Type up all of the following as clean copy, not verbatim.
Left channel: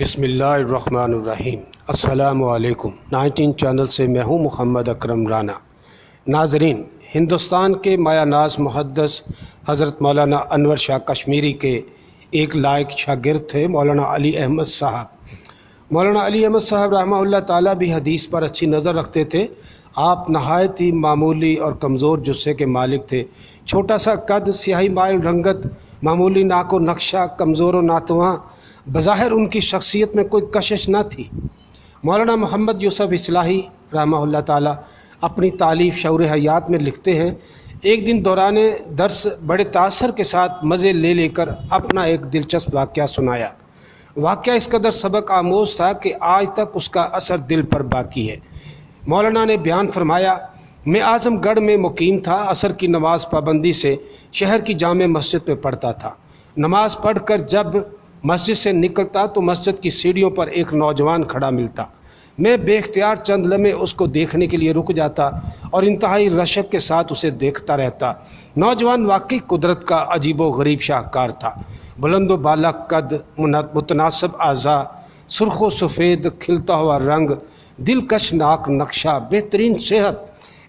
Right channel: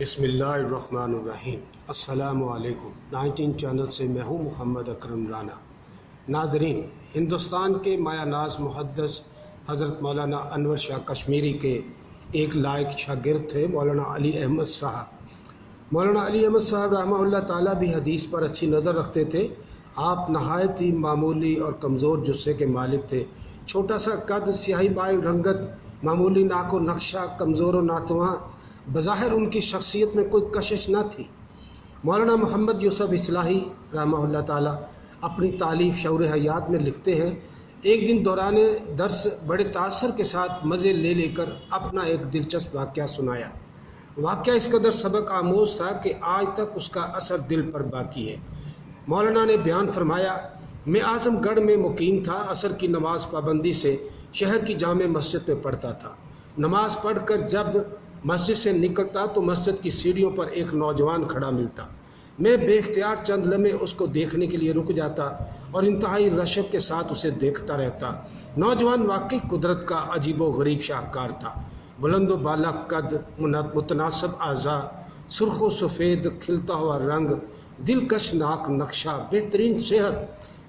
بسم اللہ الرحمن الرحیم۔ السلام علیکم۔ 19 چینل سے میں ہوں محمد اکرم رانا۔ ناظرین، ہندوستان کے مایہ ناز محدث حضرت مولانا انور شاہ کشمیری کے ایک لائق شاگرد تھے مولانا علی احمد صاحب۔ مولانا علی احمد صاحب رحمہ اللہ تعالیٰ بھی حدیث پر اچھی نظر رکھتے تھے۔ آپ نہایت ہی معمولی اور کمزور جسے کے مالک تھے۔ چھوٹا سا قد، سیاہی مائل رنگت، معمولی ناک و نقشہ، کمزور و ناتواں، بظاہر ان کی شخصیت میں کوئی کشش نہ تھی۔ مولانا محمد یوسف اصلاحی رحمہ اللہ تعالیٰ اپنی تالیف شعور حیات میں لکھتے ہیں، ایک دن دوران درس بڑے تاثر کے ساتھ مزے لے کر اپنا ایک دلچسپ واقعہ سنایا۔ واقعہ اس قدر سبق آموز تھا کہ آج تک اس کا اثر دل پر باقی ہے۔ مولانا نے بیان فرمایا، میں اعظم گڑھ میں مقیم تھا۔ عصر کی نماز پابندی سے شہر کی جامع مسجد میں پڑھتا تھا۔ نماز پڑھ کر جب مسجد سے نکلتا تو مسجد کی سیڑھیوں پر ایک نوجوان کھڑا ملتا۔ میں بے اختیار چند لمحے اس کو دیکھنے کے لیے رک جاتا اور انتہائی رشک کے ساتھ اسے دیکھتا رہتا۔ نوجوان واقعی قدرت کا عجیب و غریب شاہکار تھا۔ بلند و بالا قد، متناسب اعضاء، سرخ و سفید کھلتا ہوا رنگ، دلکش ناک نقشہ، بہترین صحت۔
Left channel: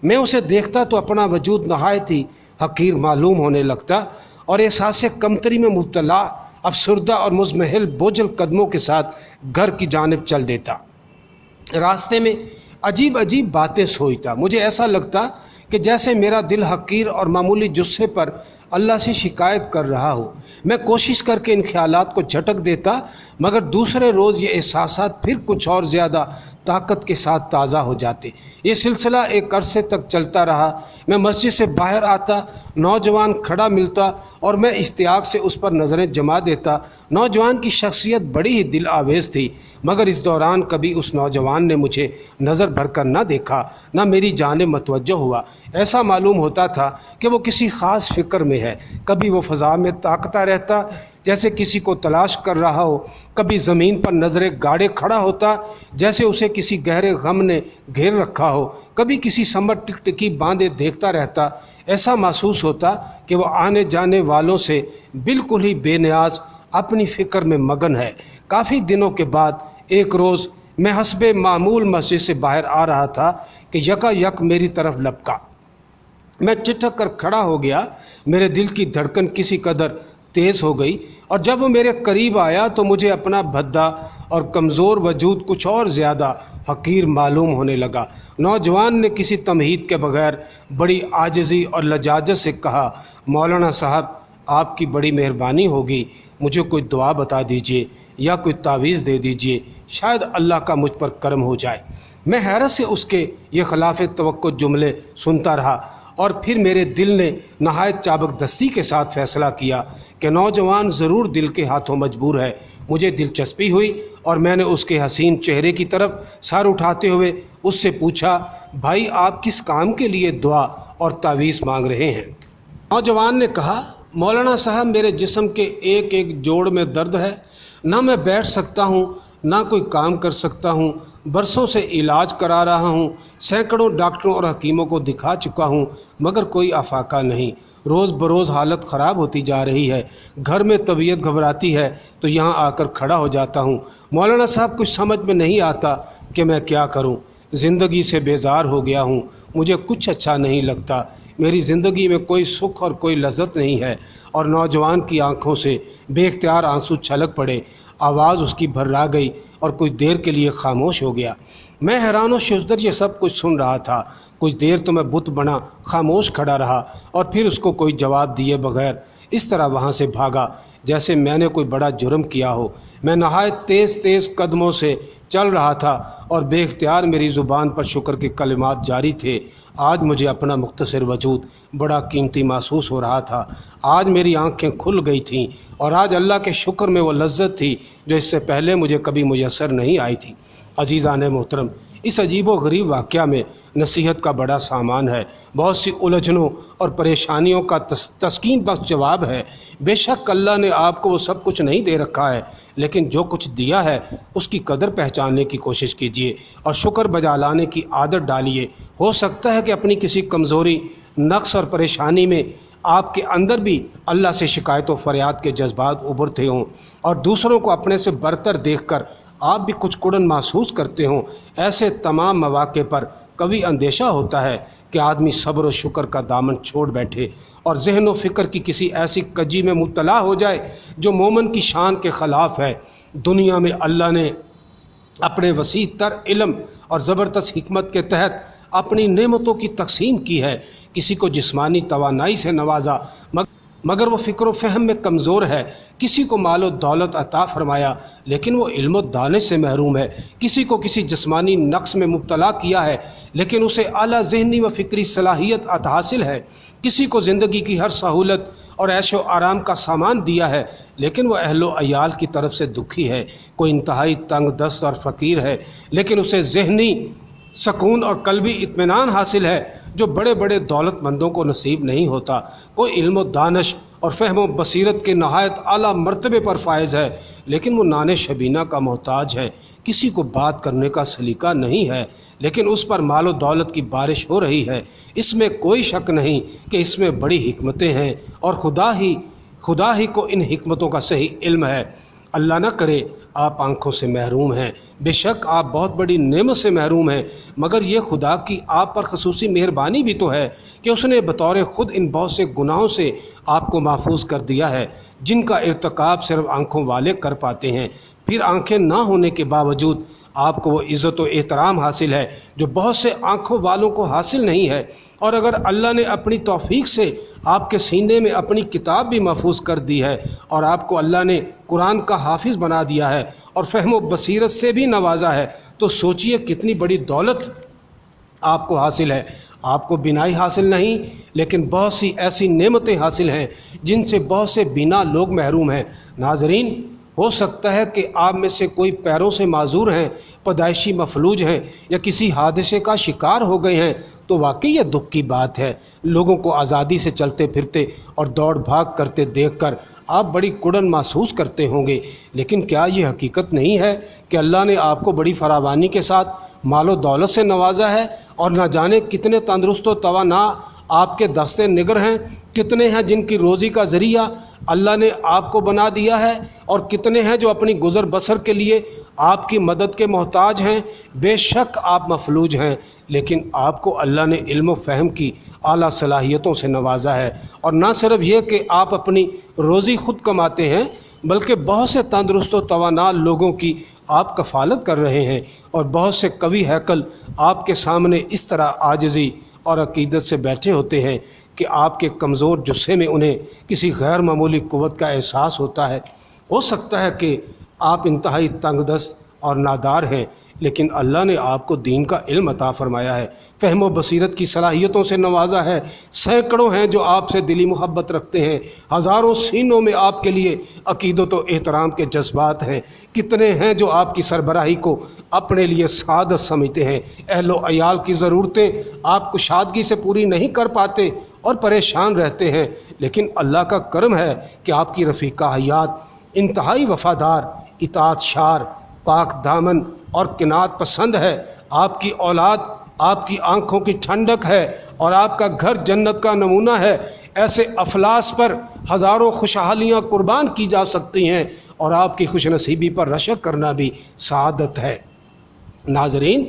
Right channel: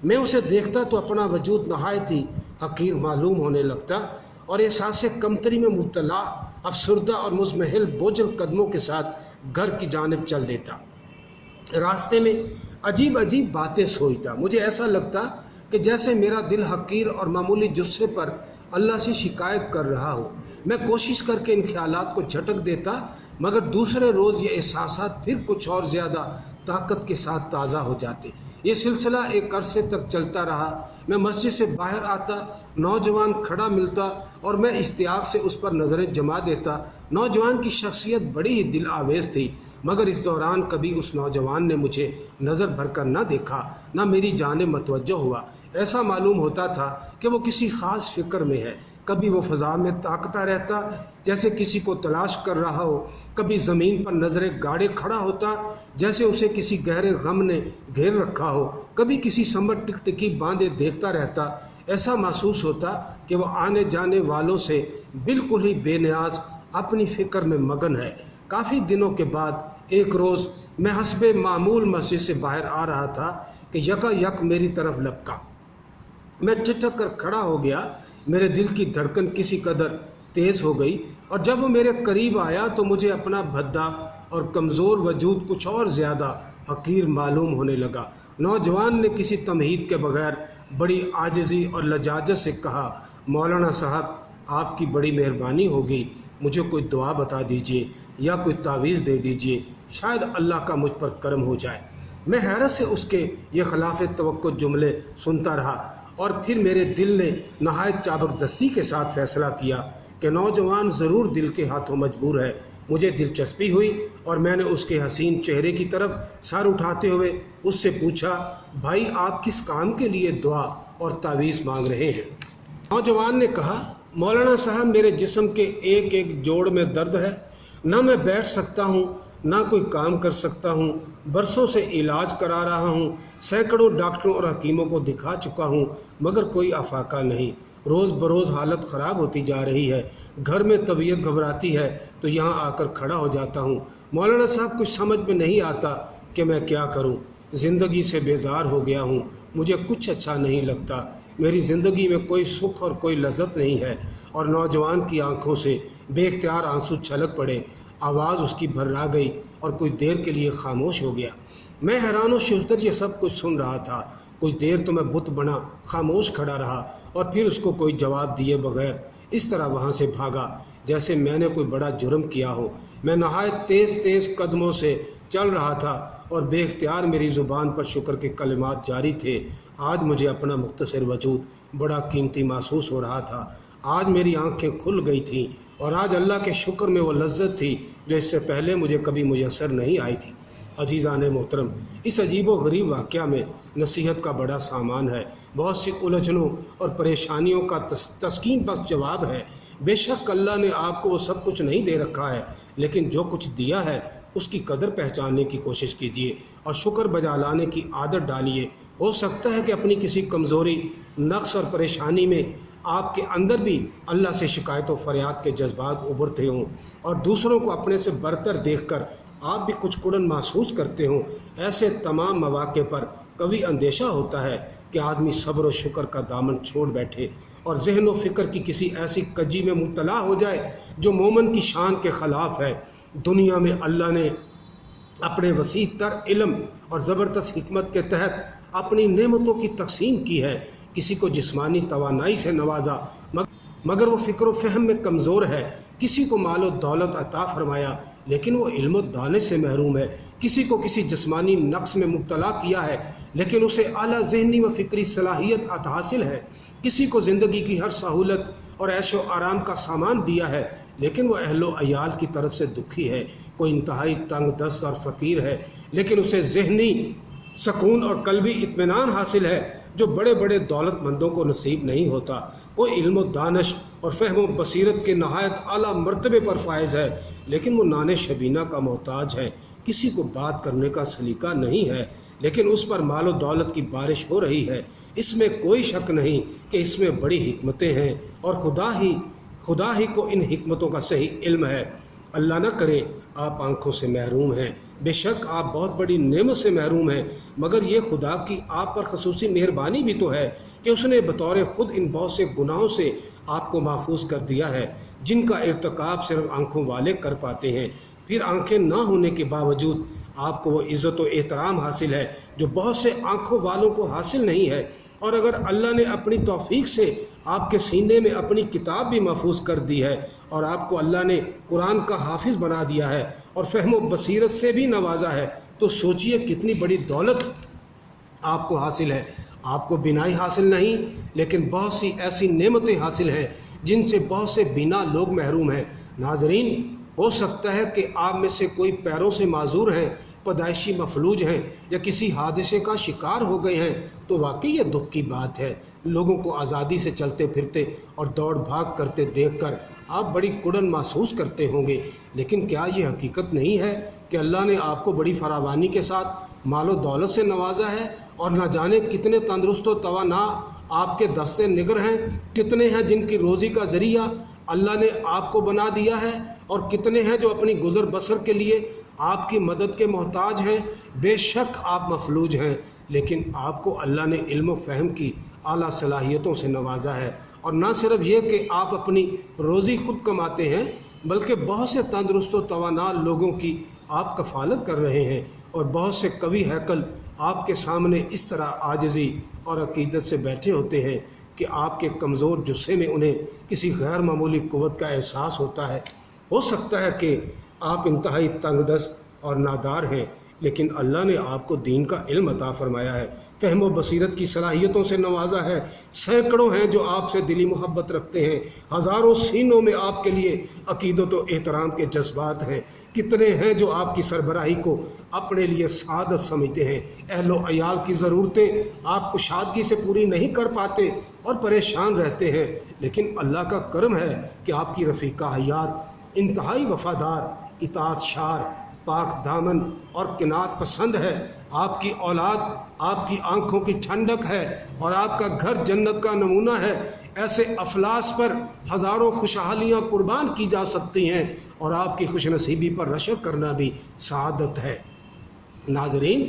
میں اسے دیکھتا تو اپنا وجود نہایت ہی حقیر معلوم ہونے لگتا اور احساس کمتری میں مبتلا افسردہ اور مضمحل بوجھل قدموں کے ساتھ گھر کی جانب چل دیتا۔ راستے میں عجیب باتیں سوچتا۔ مجھے ایسا لگتا کہ جیسے میرا دل حقیر اور معمولی جثے پر اللہ سے شکایت کر رہا ہو۔ میں کوشش کر کے ان خیالات کو جھٹک دیتا، مگر دوسرے روز یہ احساسات پھر کچھ اور زیادہ طاقت کے ساتھ تازہ ہو جاتے۔ یہ سلسلہ ایک عرصے تک چلتا رہا۔ میں مسجد سے باہر آتا، نوجوان کھڑا ملتا اور میں اشتیاق سے اس پر نظریں جما دیتا۔ نوجوان کی شخصیت بڑی ہی دل آویز تھی، مگر اس دوران کبھی اس نوجوان نے مجھے نظر بھر کر نہ دیکھا، نہ میری جانب متوجہ ہوا۔ ایسا معلوم ہوتا تھا کہ وہ کسی خاص فکر میں ہے۔ کبھی وہ فضا میں تاکتا رہتا جیسے کسی کو تلاش کر رہا ہو، کبھی زمین پر نظریں گاڑے کھڑا ہوتا جیسے اسے کسی گہرے غم نے گھیر رکھا ہو، کبھی کسی سمت ٹکٹکی باندھے دیکھتا رہتا۔ ایسا محسوس ہوتا کہ وہ آنے جانے والوں سے بالکل ہی بے نیاز اپنی فکر میں مگن ہے۔ کافی دنوں کے بعد ایک روز میں حسب معمول مسجد سے باہر آ رہا تھا کہ یک میری طرف لپکا۔ میں ٹھٹک کر کھڑا ہو گیا۔ میرے دل کی دھڑکن کسی قدر تیز ہو گئی اور جب وہ میرے قریب آیا تو مجھے اپنا بھدا اور کمزور وجود کچھ اور زیادہ حقیر معلوم ہونے لگا۔ نوجوان نے کسی تمہید کے بغیر بڑی عاجزی اور لجاجت سے کہا، مولانا صاحب، آپ کی بڑی مہربانی ہوگی، مجھے کوئی دعا بتا دیجئے یا کوئی تعویذ دے دیجئے، شاید اللہ کا مجھ پر کرم ہو جائے۔ میں حیرت سے اس کے یہ خلاف توقع جملے سنتا رہا اور پھر میرے دل نے نہایت چابک دستی کے ساتھ فیصلہ کیا کہ نوجوان ضرور دل کے ہاتھوں مجبور ہے۔ مجھے دلچسپی ہوئی اور میں نے اس کے حسین چہرے کی طرف سر اٹھاتے ہوئے اس سے پوچھا، بھائی آپ کس کام کے لیے دعا اور تعویذ مانگ رہے ہیں؟ نوجوان نے کہا، مولانا صاحب، میرے جسم کے ایک جوڑ میں درد ہے، نہ میں بیٹھ سکتا ہوں نہ کوئی کام کر سکتا ہوں۔ برسوں سے علاج کرا رہا ہوں، سینکڑوں ڈاکٹروں اور حکیموں کو دکھا چکا ہوں، مگر کوئی افاقہ نہیں۔ روز بروز حالت خراب ہوتی جا رہی ہے۔ گھر میں طبیعت گھبراتی ہے تو یہاں آ کر کھڑا ہو جاتا ہوں۔ مولانا صاحب، کچھ سمجھ میں نہیں آتا کہ میں کیا کروں۔ زندگی سے بیزار ہو گیا ہوں، مجھے کچھ اچھا نہیں لگتا، میری زندگی میں کوئی سکھ اور کوئی لذت نہیں ہے۔ اور نوجوان کی آنکھوں سے بے اختیار آنسو چھلک پڑے، آواز اس کی بھرا گئی اور کچھ دیر کے لیے خاموش ہو گیا۔ میں حیران و شزدر یہ سب کچھ سن رہا تھا۔ کچھ دیر تو میں بت بنا خاموش کھڑا رہا اور پھر اس کو کوئی جواب دیے بغیر اس طرح وہاں سے بھاگا جیسے میں نے کوئی بڑا جرم کیا ہو۔ میں نہایت تیز قدموں سے چل رہا تھا اور بے اختیار میری زبان پر شکر کے کلمات جاری تھے۔ آج مجھے اپنا مختصر وجود بڑا قیمتی محسوس ہو رہا تھا۔ آج میری آنکھیں کھل گئی تھیں اور آج اللہ کے شکر میں وہ لذت تھی جو اس سے پہلے مجھے کبھی میسر نہیں آئی تھی۔ عزیزان محترم، اس عجیب و غریب واقعہ میں نصیحت کا بڑا سامان ہے۔ بہت سی الجھنوں اور پریشانیوں کا تسکین بخش جواب ہے۔ بے شک اللہ نے آپ کو وہ سب کچھ نہیں دے رکھا ہے، لیکن جو کچھ دیا ہے اس کی قدر پہچاننے کی کوشش کیجیے اور شکر بجا لانے کی عادت ڈالیے۔ ہو سکتا ہے کہ اپنی کسی کمزوری، نقص اور پریشانی میں آپ کے اندر بھی اللہ سے شکایت و فریاد کے جذبات ابھرتے ہوں اور دوسروں کو اپنے سے برتر دیکھ کر آپ بھی کچھ کڑن محسوس کرتے ہوں، ایسے تمام مواقع پر کبھی اندیشہ ہوتا ہے کہ آدمی صبر و شکر کا دامن چھوڑ بیٹھے اور ذہن و فکر کی کسی ایسی کجی میں مبتلا ہو جائے جو مومن کی شان کے خلاف ہے۔ دنیا میں اللہ نے اپنے وسیع تر علم اور زبردست حکمت کے تحت اپنی نعمتوں کی تقسیم کی ہے۔ کسی کو جسمانی توانائی سے نوازا مگر وہ فکر و فہم میں کمزور ہے، کسی کو مال و دولت عطا فرمایا لیکن وہ علم و دانے سے محروم ہے، کسی کو کسی جسمانی نقص میں مبتلا کیا ہے لیکن اسے اعلیٰ ذہنی و فکری صلاحیت عطا حاصل ہے، کسی کو زندگی کی ہر سہولت اور عیش و آرام کا سامان دیا ہے لیکن وہ اہل و عیال کی طرف سے دکھی ہے، کوئی انتہائی تنگ دست اور فقیر ہے لیکن اسے ذہنی سکون اور قلبی اطمینان حاصل ہے جو بڑے بڑے دولت مندوں کو نصیب نہیں ہوتا، کوئی علم و دانش اور فہم و بصیرت کے نہایت اعلیٰ مرتبے پر فائز ہے لیکن وہ نان شبینہ کا محتاج ہے، کسی کو بات کرنے کا سلیقہ نہیں ہے لیکن اس پر مال و دولت کی بارش ہو رہی ہے۔ اس میں کوئی شک نہیں کہ اس میں بڑی حکمتیں ہیں اور خدا ہی کو ان حکمتوں کا صحیح علم ہے۔ اللہ نہ کرے آپ آنکھوں سے محروم ہیں، بے شک آپ بہت بڑی نعمت سے محروم ہیں، مگر یہ خدا کی آپ پر خصوصی مہربانی بھی تو ہے کہ اس نے بطور خود ان بہت سے گناہوں سے آپ کو محفوظ کر دیا ہے جن کا ارتکاب صرف آنکھوں والے کر پاتے ہیں، پھر آنکھیں نہ ہونے کے باوجود آپ کو وہ عزت و احترام حاصل ہے جو بہت سے آنکھوں والوں کو حاصل نہیں ہے، اور اگر اللہ نے اپنی توفیق سے آپ کے سینے میں اپنی کتاب بھی محفوظ کر دی ہے اور آپ کو اللہ نے قرآن کا حافظ بنا دیا ہے اور فہم و بصیرت سے بھی نوازا ہے تو سوچئے کتنی بڑی دولت آپ کو حاصل ہے۔ آپ کو بینائی حاصل نہیں لیکن بہت سی ایسی نعمتیں حاصل ہیں جن سے بہت سے بینا لوگ محروم ہیں۔ ناظرین، ہو سکتا ہے کہ آپ میں سے کوئی پیروں سے معذور ہیں، پیدائشی مفلوج ہیں یا کسی حادثے کا شکار ہو گئے ہیں تو واقعی یہ دکھ کی بات ہے۔ لوگوں کو آزادی سے چلتے پھرتے اور دوڑ بھاگ کرتے دیکھ کر آپ بڑی کڑن محسوس کرتے ہوں گے، لیکن کیا یہ حقیقت نہیں ہے کہ اللہ نے آپ کو بڑی فراوانی کے ساتھ مال و دولت سے نوازا ہے اور نہ جانے کتنے تندرست و توانا آپ کے دستے نگر ہیں، کتنے ہیں جن کی روزی کا ذریعہ اللہ نے آپ کو بنا دیا ہے اور کتنے ہیں جو اپنی گزر بسر کے لیے آپ کی مدد کے محتاج ہیں۔ بے شک آپ مفلوج ہیں لیکن آپ کو اللہ نے علم و فہم کی اعلیٰ صلاحیتوں سے نوازا ہے، اور نہ صرف یہ کہ آپ اپنی روزی خود کماتے ہیں بلکہ بہت سے تندرست و توانا لوگوں کی آپ کفالت کر رہے ہیں، اور بہت سے قوی ہیکل آپ کے سامنے اس طرح عاجزی اور عقیدت سے بیٹھے ہوتے ہیں کہ آپ کے کمزور جسے میں انہیں کسی غیر معمولی قوت کا احساس ہوتا ہے۔ ہو سکتا ہے کہ آپ انتہائی تنگ دست اور نادار ہیں لیکن اللہ نے آپ کو دین کا علم عطا فرمایا ہے، فہم و بصیرت کی صلاحیتوں سے نوازا ہے، سینکڑوں ہیں جو آپ سے دلی محبت رکھتے ہیں، ہزاروں سینوں میں آپ کے لیے عقیدت و احترام کے جذبات ہیں، کتنے ہیں جو آپ کی سربراہی کو اپنے لیے سعادت سمجھتے ہیں، اہل و عیال کی ضرورتیں آپ کشادگی سے پوری نہیں کر پاتے اور پریشان رہتے ہیں، لیکن اللہ کا کرم ہے کہ آپ کی رفیقہ حیات انتہائی وفادار، اطاعت شار، پاک دامن اور قناعت پسند ہے، آپ کی اولاد آپ کی آنکھوں کی ٹھنڈک ہے اور آپ کا گھر جنت کا نمونہ ہے۔ ایسے افلاس پر ہزاروں خوشحالیاں قربان کی جا سکتی ہیں اور آپ کی خوش نصیبی پر رشک کرنا بھی سعادت ہے۔ ناظرین،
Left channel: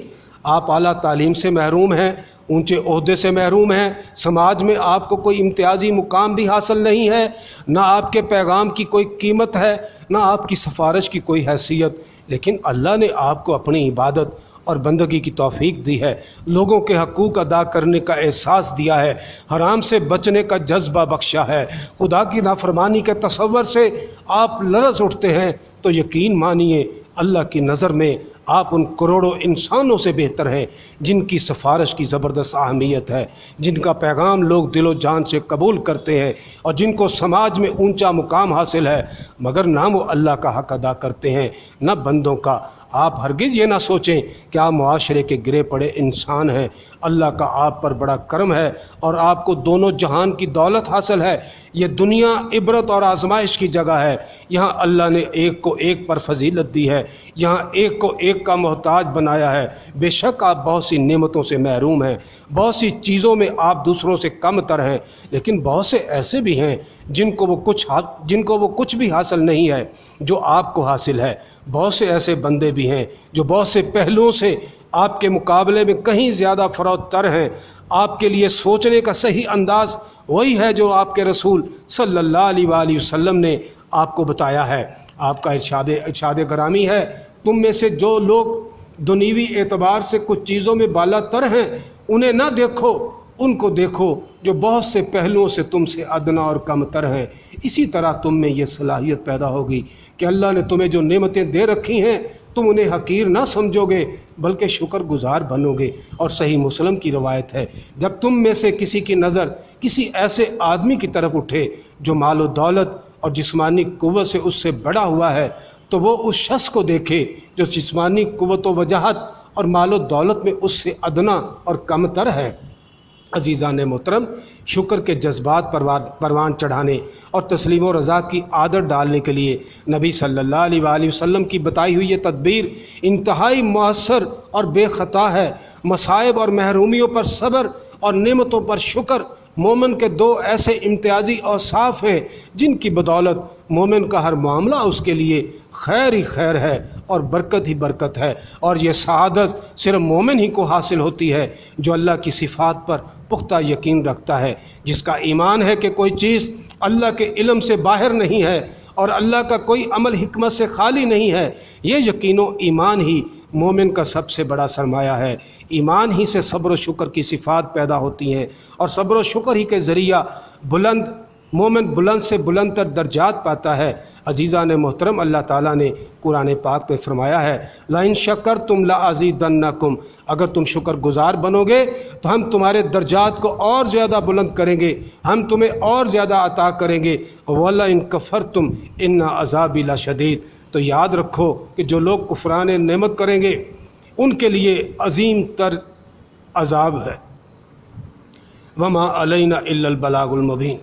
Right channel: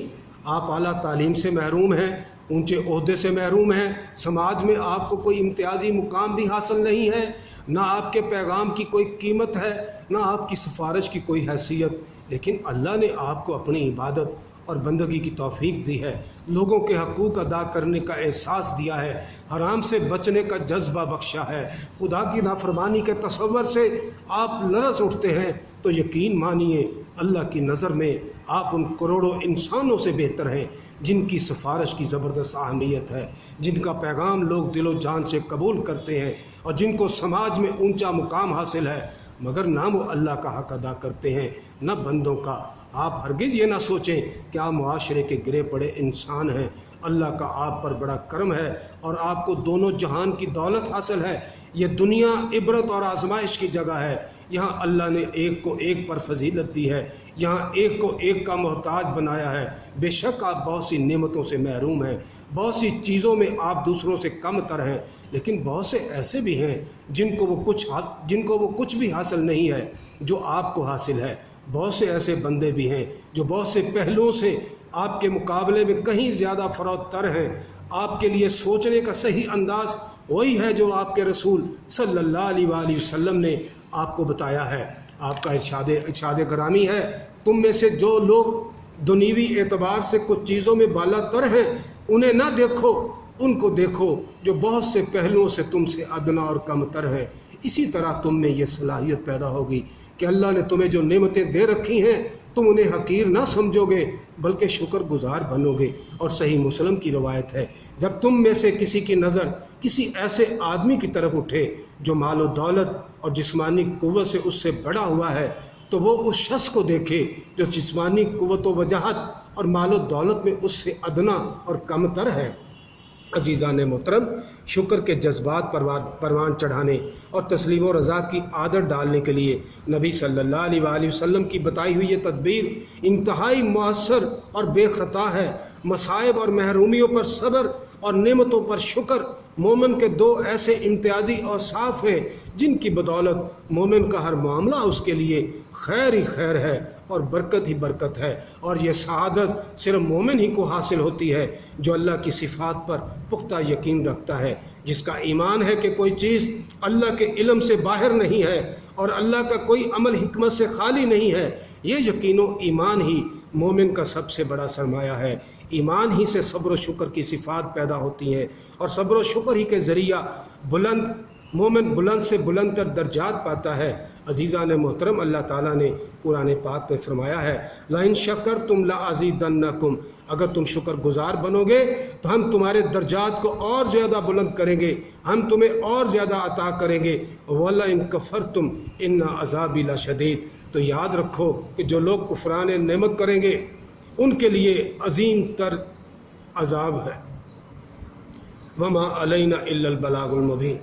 آپ اعلیٰ تعلیم سے محروم ہیں، اونچے عہدے سے محروم ہیں، سماج میں آپ کو کوئی امتیازی مقام بھی حاصل نہیں ہے، نہ آپ کے پیغام کی کوئی قیمت ہے، نہ آپ کی سفارش کی کوئی حیثیت، لیکن اللہ نے آپ کو اپنی عبادت اور بندگی کی توفیق دی ہے، لوگوں کے حقوق ادا کرنے کا احساس دیا ہے، حرام سے بچنے کا جذبہ بخشا ہے، خدا کی نافرمانی کے تصور سے آپ لرز اٹھتے ہیں تو یقین مانیے اللہ کی نظر میں آپ ان کروڑوں انسانوں سے بہتر ہیں جن کی سفارش کی زبردست اہمیت ہے، جن کا پیغام لوگ دل و جان سے قبول کرتے ہیں اور جن کو سماج میں اونچا مقام حاصل ہے، مگر نہ وہ اللہ کا حق ادا کرتے ہیں نہ بندوں کا۔ آپ ہرگز یہ نہ سوچیں کہ آپ معاشرے کے گرے پڑے انسان ہیں، اللہ کا آپ پر بڑا کرم ہے اور آپ کو دونوں جہان کی دولت حاصل ہے۔ یہ دنیا عبرت اور آزمائش کی جگہ ہے، یہاں اللہ نے ایک کو ایک پر فضیلت دی ہے، یہاں ایک کو ایک کا محتاج بنایا ہے۔ بے شک آپ بہت سی نعمتوں سے محروم ہیں، بہت سی چیزوں میں آپ دوسروں سے کم تر ہیں، لیکن بہت سے ایسے بھی ہیں جن کو وہ کچھ بھی حاصل نہیں ہے جو آپ کو حاصل ہے۔ بہت سے ایسے بندے بھی ہیں جو بہت سے پہلوؤں سے آپ کے مقابلے میں کہیں زیادہ فروت تر ہیں۔ آپ کے لیے سوچنے کا صحیح انداز وہی ہے جو آپ کے رسول صلی اللہ علیہ وآلہ وسلم نے آپ کو بتایا ہے۔ آپ کا ارشاد گرامی ہے، تم میں سے جو لوگ دنیوی اعتبار سے کچھ چیزوں میں بالا تر ہیں انہیں نہ دیکھو، ان کو دیکھو جو بہت سے پہلوؤں سے تم سے ادنا اور کم تر ہیں۔ اسی طرح تم میں یہ صلاحیت پیدا ہوگی کہ اللہ نے تمہیں جو نعمتیں دے رکھی ہیں تم انہیں حقیر نہ سمجھو گے بلکہ شکر گزار بنو گے۔ اور صحیح مسلم کی روایت ہے، جب تم میں سے کسی کی نظر کسی ایسے آدمی کی طرف اٹھے جو مال و دولت اور جسمانی قوت سے اس سے بڑا ہوا ہے تو وہ اس شخص کو دیکھے جو جسمانی قوت و وجاہت اور مال و دولت میں اس سے ادنا اور کم تر ہے۔ عزیزان محترم، شکر کے جذبات پروان چڑھانے اور تسلیم و رضا کی عادت ڈالنے کے لیے نبی صلی اللہ علیہ وآلہ وسلم کی بتائی ہوئی یہ تدبیر انتہائی مؤثر اور بے خطا ہے۔ مصائب اور محرومیوں پر صبر اور نعمتوں پر شکر مومن کے دو ایسے امتیازی اوصاف ہیں جن کی بدولت مومن کا ہر معاملہ اس کے لیے خیر ہی خیر ہے اور برکت ہی برکت ہے۔ اور یہ سعادت صرف مومن ہی کو حاصل ہوتی ہے جو اللہ کی صفات پر پختہ یقین رکھتا ہے، جس کا ایمان ہے کہ کوئی چیز اللہ کے علم سے باہر نہیں ہے اور اللہ کا کوئی عمل حکمت سے خالی نہیں ہے۔ یہ یقین و ایمان ہی مومن کا سب سے بڑا سرمایہ ہے۔ ایمان ہی سے صبر و شکر کی صفات پیدا ہوتی ہیں اور صبر و شکر ہی کے ذریعہ مومن بلند سے بلند تر درجات پاتا ہے۔ عزیزان محترم، اللہ تعالیٰ نے قرآن پاک میں فرمایا ہے، لَإِن شَكَرْتُمْ لَأَزِيدَنَّكُمْ، اگر تم شکر گزار بنو گے تو ہم تمہارے درجات کو اور زیادہ بلند کریں گے، ہم تمہیں اور زیادہ عطا کریں گے۔ وَلَئِن كَفَرْتُمْ إِنَّ عَذَابِي لَشَدِيدٌ، تو یاد رکھو کہ جو لوگ کفران نعمت کریں گے ان کے لیے عظیم تر عذاب ہے۔ وَمَا عَلَيْنَا إِلَّا الْبَلَاغُ الْمُبِينُ۔